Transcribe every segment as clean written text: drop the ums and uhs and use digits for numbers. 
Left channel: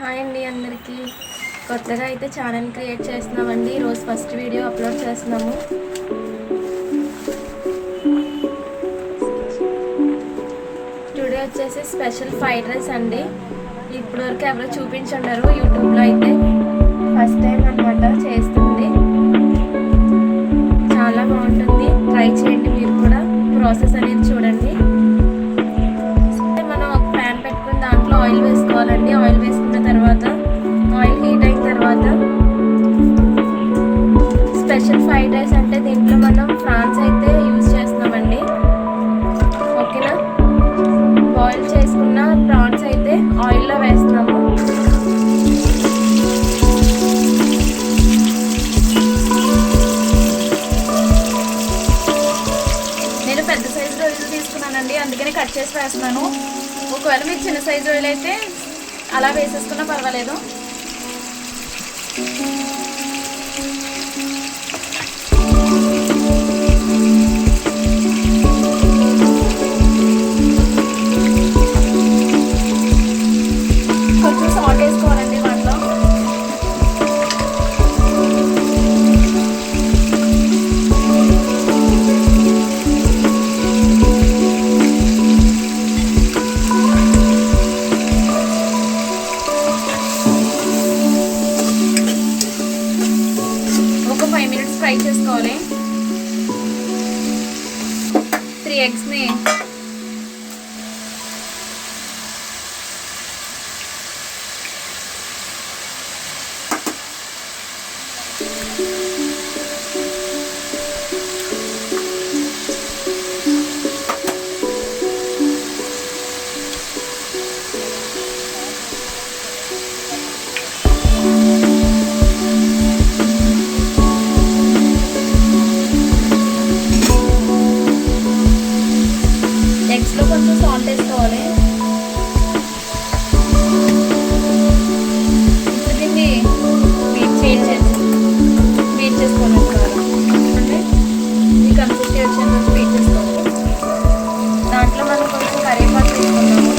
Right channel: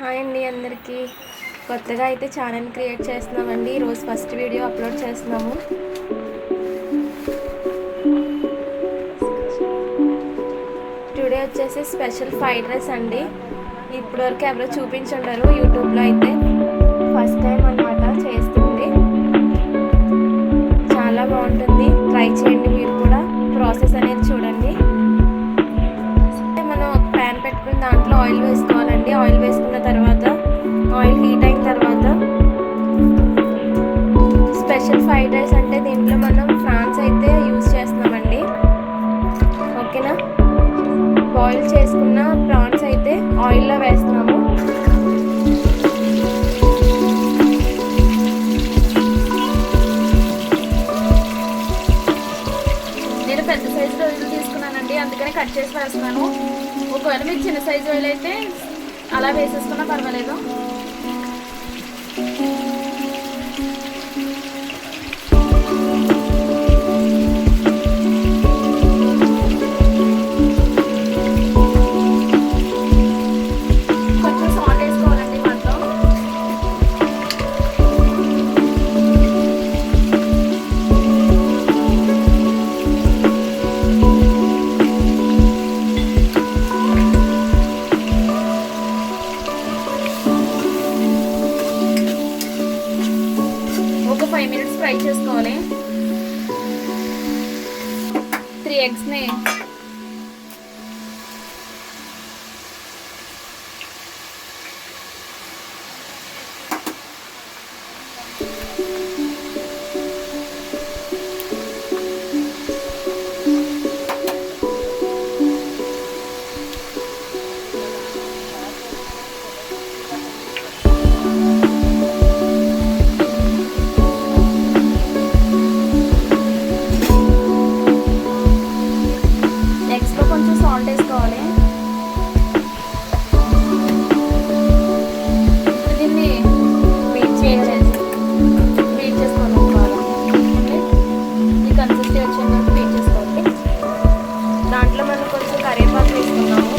హాయ్ అండి అందరికీ. కొత్తగా అయితే ఛానల్ క్రియేట్ చేస్తున్నామండి. ఈరోజు ఫస్ట్ వీడియో అప్లోడ్ చేస్తున్నాము. టుడే వచ్చేసి స్పెషల్ ఫ్రైడ్ రైస్ అండి. ఇప్పటివరకు ఎవరో చూపించన్నారు యూట్యూబ్లో, అయితే ఫస్ట్ టైం అనమాట చేస్తుంది. చాలా బాగుంటుంది, ట్రై చేయండి మీరు కూడా. ప్రాసెస్ అనేది చూడండి. మనం ఒక ప్యాన్ పెట్టుకుని దాంట్లో ఆయిల్ వేసుకోవాలండి. ఆయిల్ వేసుకున్న తర్వాత ఆయిల్ హీట్ అయిన తర్వాత స్పెషల్ ఫ్రైడ్ రైస్ అంటే దీంట్లో మనం ప్రాన్స్ అయితే యూజ్ చేస్తున్నామండి. ఓకేనా, బాయిల్ చేసుకున్న ప్రాన్స్ అయితే ఆయిల్లో వేస్తున్నాము. నేను పెద్ద సైజు రొయ్యలు తీసుకున్నానండి, అందుకనే కట్ చేసి వేస్తున్నాను. ఒకవేళ మీరు చిన్న సైజు రొయ్యలు అయితే అలా వేసేసుకున్నా పర్వాలేదు. కొంచెం సాల్ట్ వేసుకోవాలండి వాటిలో. ఒక 5 minutes ఫ్రై చేసుకోవాలి. 3 eggsని ఎగ్స్లో కొంచెం సాల్ట్ వేసుకోవాలి. ఇప్పుడు దీన్ని బీట్ చేసుకోవాలండి బాగా. అంటే ఈ కన్సిస్టెన్సీ వచ్చేంత వరకు బీట్ చేసుకోవాలి. దాంట్లో మనం కొంచెం కరివేపాకు వేసుకున్నాము.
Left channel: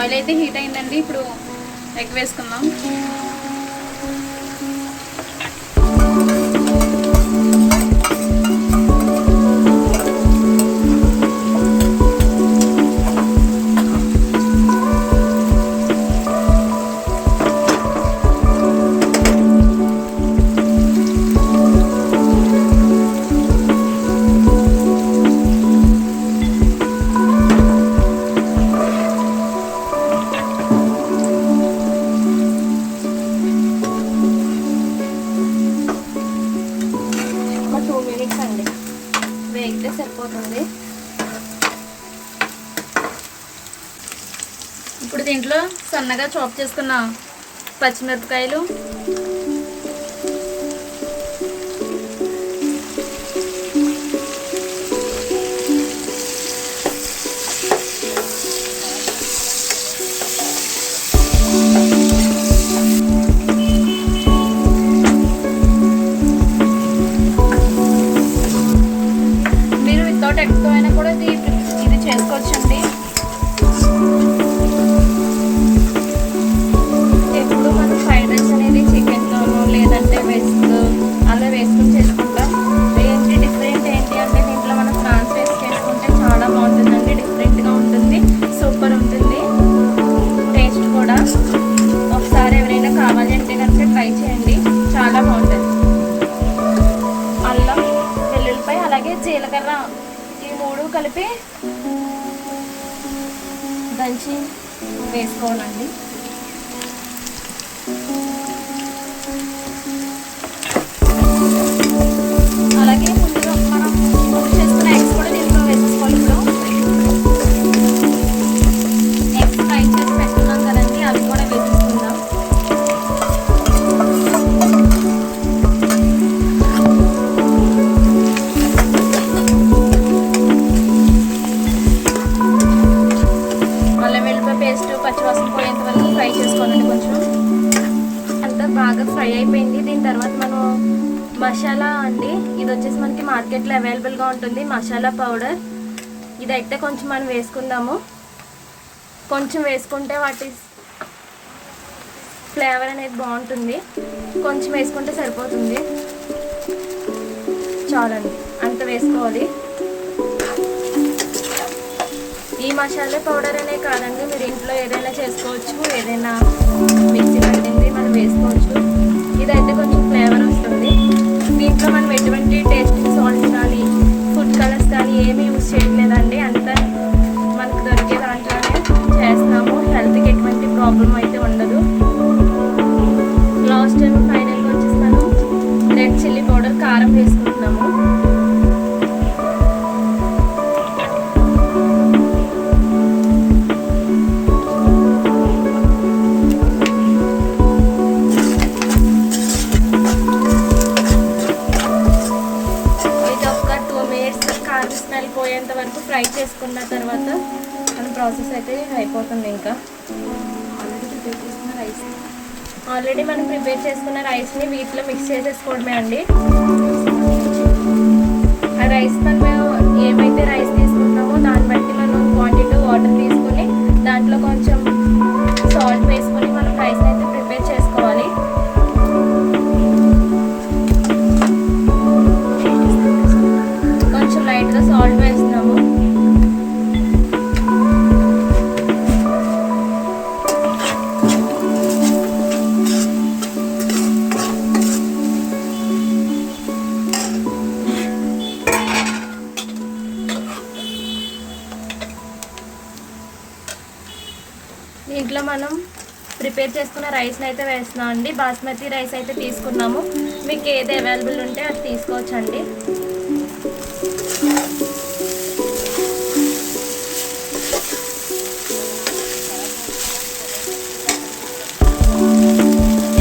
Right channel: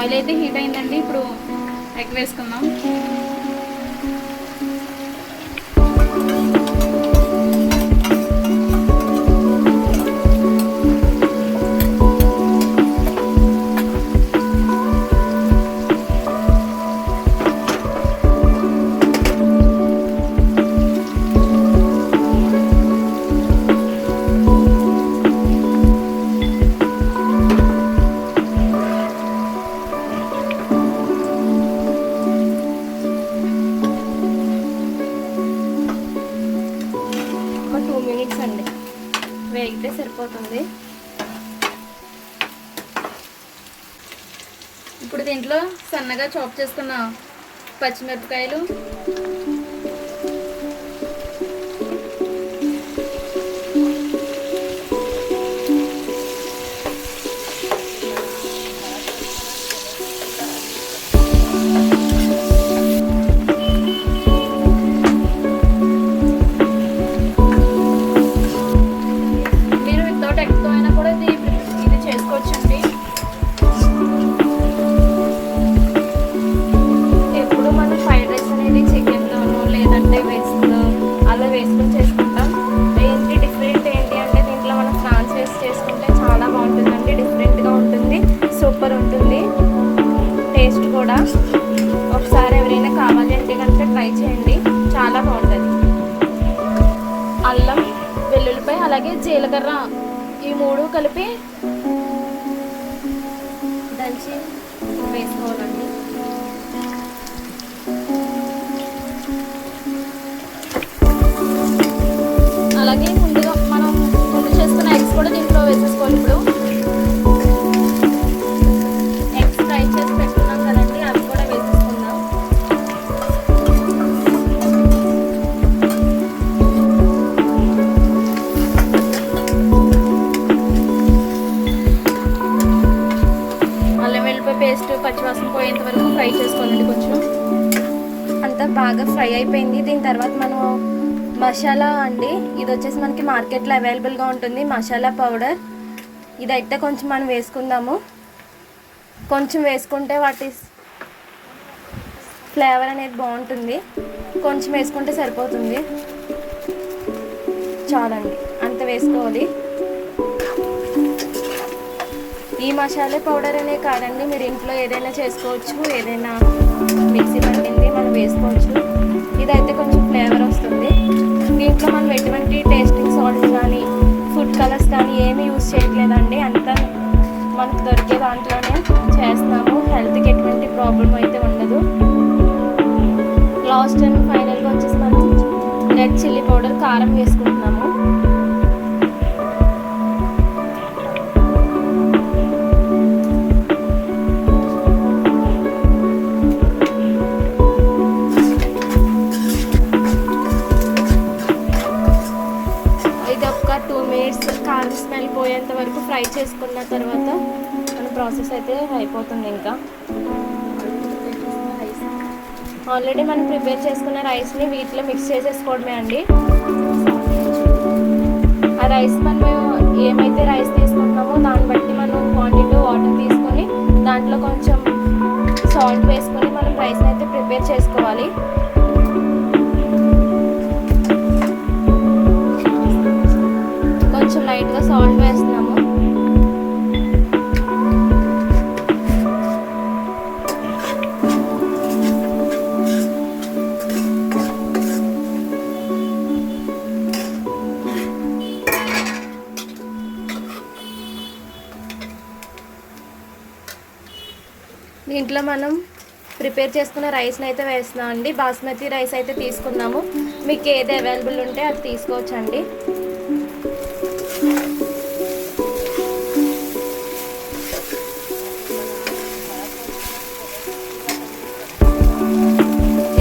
ఆయిల్ అయితే హీట్ అయిందండి. ఇప్పుడు ఎగ్ వేసుకుందాం. ఒక 2 minutes అండి వేగితే సరిపోతుంది. ఇప్పుడు దీంట్లో సన్నగా చాప్ చేసుకున్న పచ్చిమిరపకాయలు, ఎగ్తో అయినా కూడా ఇది చేసుకోవచ్చండి. ఎప్పుడు మనం ఫ్రైడ్ రైస్ అనేది చికెన్తోనో లేదంటే వెజ్తో అలా వేసుకుని చేసుకుంటాం. ఏంటి డిఫరెంట్ ఏంటి అంటే దీంట్లో మనం ప్రాన్స్ వేసి చేసుకుంటే చాలా బాగుంటుందండి. డిఫరెంట్గా ఉంటుంది, సూపర్ ఉంటుంది టేస్ట్ కూడా. ఒకసారి ఎవరైనా కావాలి అంటే కనుక ట్రై చేయండి, చాలా బాగుంటుంది. అల్లం, వెల్లుల్లిపాయ అలాగే జీలకర్ర ఈ 3 కలిపి దంచి వేసుకోవాలండి. అలాగే ముందుగా మనం ముందు చేసుకున్న ఎగ్స్ కూడా దీంట్లో వేసేసుకోవాలి. ఇప్పుడు ఎగ్స్ ఫ్రై చేసి పెట్టుకున్నాం కదండి, అవి కూడా వేసేసుకుందాం. పేస్ట్ ఫ్రై అయిపోయింది. దీని తర్వాత మనం మసాలా అండి, ఇది వచ్చేసి మనకి మార్కెట్లో అవైలబుల్గా ఉంటుంది మసాలా పౌడర్. ఇదైతే కొంచెం మనం వేసుకుందాము. కొంచెం వేసుకుంటే వాటి ఫ్లేవర్ అనేది బాగుంటుంది. కొంచెం వేసుకుంటే సరిపోతుంది, చాలండి, అంత వేసుకోవాలి. ఈ మసాలా పౌడర్ అనే కాదండి, మీరు ఇంట్లో ఏదైనా చేసుకోవచ్చు, ఏదైనా మిక్సీ పట్టింది మనం వేసుకోవచ్చు. ఇదైతే కొంచెం ఫ్లేవర్ వస్తుంది. దీంట్లో మనం ఎటువంటి టేస్టింగ్ సాల్ట్ కానీ ఫుడ్ కలర్స్ కానీ ఏమీ యూజ్ చేయట్లేదండి, అంతా మనకు దొరికే దాంట్లోనే చేస్తున్నాము. హెల్త్కి ఎటువంటి ప్రాబ్లం అయితే ఉండదు. లాస్ట్ టైం ఫైనల్గా వచ్చేసి మనం రెడ్ చిల్లీ పౌడర్ కారం వేసుకుంటున్నాము. కారం స్మెల్ పోయేంత వరకు ఫ్రై చేసుకున్న తర్వాత మన ప్రాసెస్ అయితే అయిపోతుంది. ఇంకా ఆల్రెడీ మనం ప్రిపేర్ చేసుకున్న రైస్ని వీటిలో మిక్స్ చేసేసుకోవడమే అండి. ఆ రైస్ మనం ఏమైతే రైస్ తీసుకుంటామో దాన్ని బట్టి మనం క్వాంటిటీ వాటర్ తీసుకొని దాంట్లో కొంచెం సాల్ట్ వేసుకొని మనం రైస్ని అయితే ప్రిపేర్ చేసుకోవాలి. కొంచెం లైట్గా సాల్ట్ వేస్తున్నాము. దీంట్లో మనం ప్రిపేర్ చేసుకున్న రైస్ని అయితే వేస్తున్నాం అండి. బాస్మతి రైస్ అయితే తీసుకున్నాము. మీకు ఏది అవైలబుల్ ఉంటే అది తీసుకోవచ్చండి.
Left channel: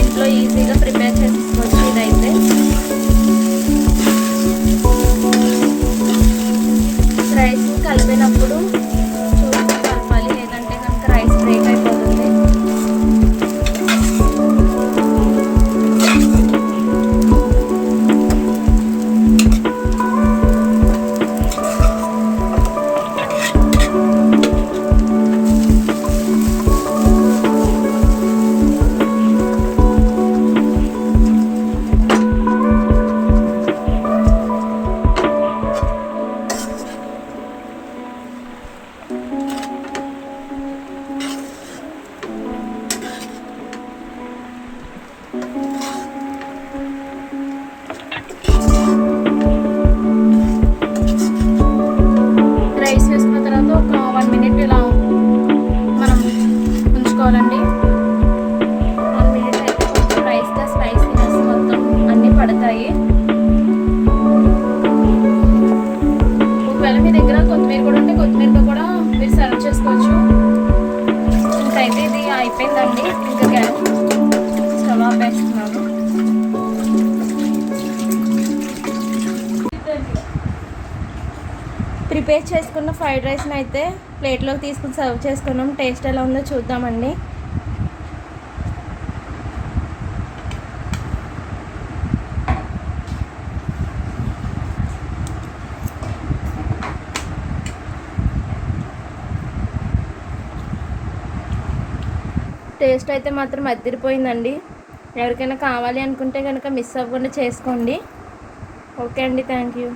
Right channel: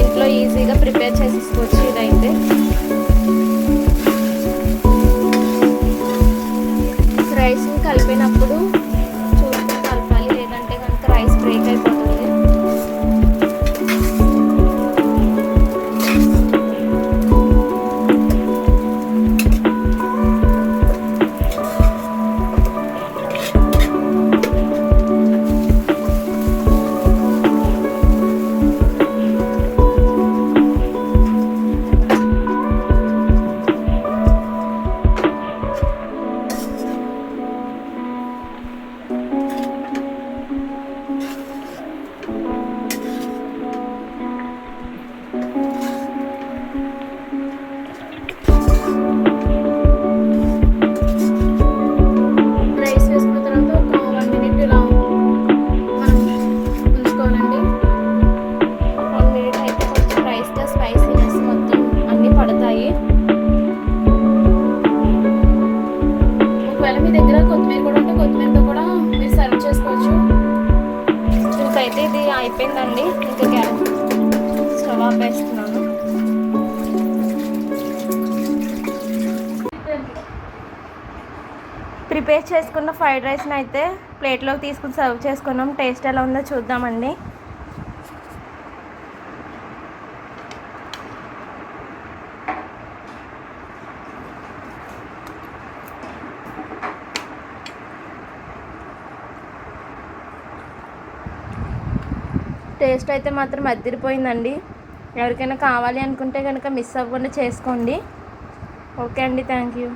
ఇంట్లో ఈజీగా ప్రిపేర్ చేసుకోవచ్చు. ఇదైతే రైస్ కలిపినప్పుడు చూస్తూ కలపాలి, లేదంటే కనుక రైస్ బ్రేక్ అయిపోతుంది. రైస్ వేసుకున్న తర్వాత ఒక 1 minute ఇలా మనం ఉంచుకోవాలండి. 1 minute అయితే కొంచెం రైస్తో స్పైసీనెస్ మొత్తం అన్నీ పడతాయి. ఒకవేళ మీ దగ్గర కొత్తిమీర కూడా ఉంటే కొత్తిమీరతో కూడా మీరు సర్వ్ చేసుకోవచ్చు. ఇంకైతే ఇది అయిపోయిందండి. ఇంకా గ్యాస్ స్టవ్ ఆపేస్తున్నాను. ప్రిపేర్ చేసుకున్న ఫ్రైడ్ రైస్ని అయితే ప్లేట్లోకి తీసుకుని సర్వ్ చేసుకున్నాం. టేస్ట్ ఎలా ఉందో చూద్దామండి. టేస్ట్ అయితే మాత్రం అదిరిపోయిందండి. ఎవరికైనా కావాలి అనుకుంటే కనుక మిస్ అవ్వకుండా చేసుకోండి. ఓకే అండి, థ్యాంక్ యూ.